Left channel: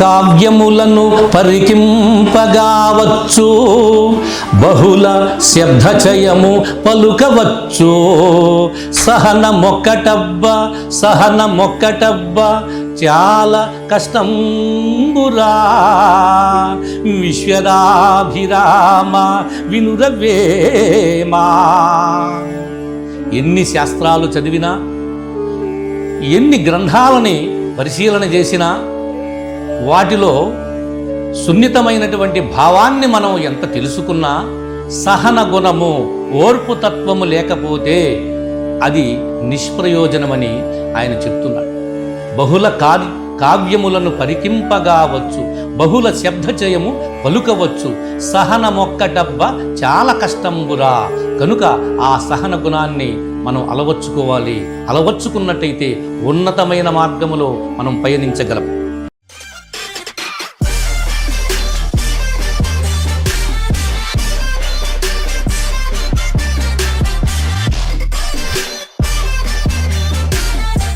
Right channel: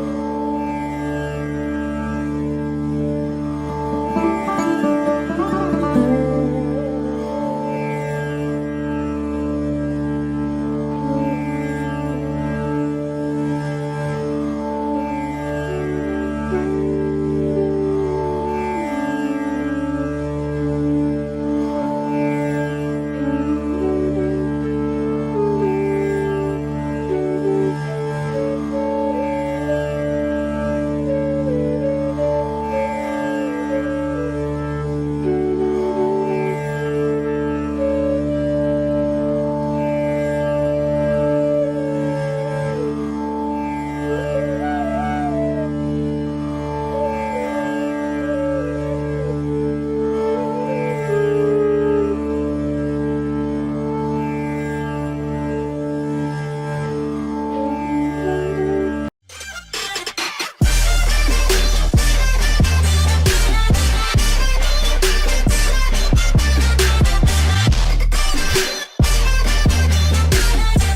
కావ్యములను పరికింపగావచ్చు. బహుళ శబ్దచయము పలుకవచ్చు. సహన మొక్కటబ్బ సహన మొక్కటబ్బ చాలా కష్టంబురా. విశ్వరాభిరామ వినురవేమా. ఎన్ని శాస్త్రాలు చదివినా ఎన్ని గ్రంథాలని పరిశీలన చేసినా వాటిలో సున్నితమైనటువంటి భావాన్ని మనం ఎంత తెలుసుకున్నా సహన గుణము ఓర్పు తత్వము లేకపోతే అది నిష్ప్రయోజనమని ఆయన చెప్తున్నాడు బహుళ కావి కావ్యములను పరికింపగావచ్చు బహుళ శబ్దచయము పలుకవచ్చు. సహన మొక్కటబ్బ చాలా కష్టంబురా. కనుక ఆ సహన గుణాన్ని మనం అలవర్చుకోవాలి అలవర్చుకున్నట్టయితే ఉన్నతమైన మార్గములో మనం పయనించగలం.